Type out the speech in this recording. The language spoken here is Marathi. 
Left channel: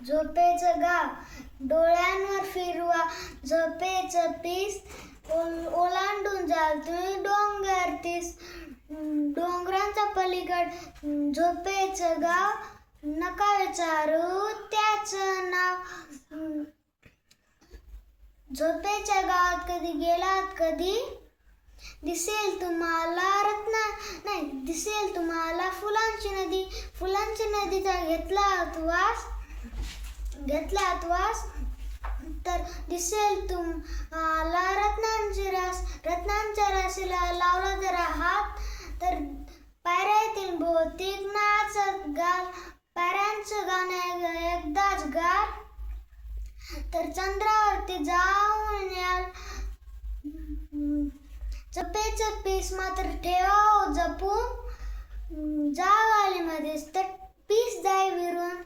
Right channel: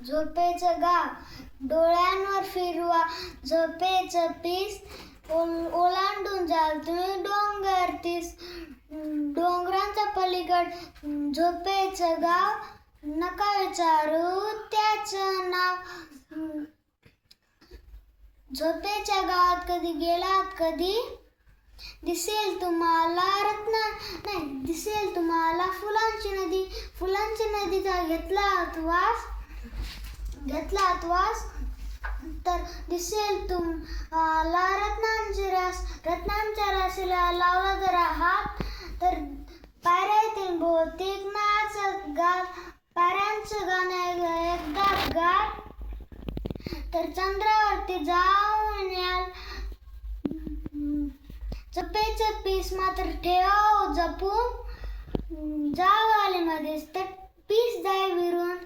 झोपेचं गाव डोळ्यांवर फिरवा, झोपेचं पीस ओलांडून जाल तुम्ही डोंगर तीस. डोंगरांचा पलीकड झोपेचं गाव, नका विचारू त्याचं नाव. झोपेच्या गावात कधी गेलात कधी, दिसेल तुम्हाला दिसेल तुम्हाला फुलांची नदी. फुलांची नदीचा घेतलात वास तर दिसेल तुम्हाला रत्नांची रास. रत्नांच्या राशीला लावला जरा हात तर पायऱ्यातील भौतिक नाचत गात. पायऱ्यांचं गाणं एकदाच गात तर चंद्रावरती जाऊन याल. झोपेचं पीस मात्र ठेवा जपून, जावालीमध्येच ते पीस जाई विरून.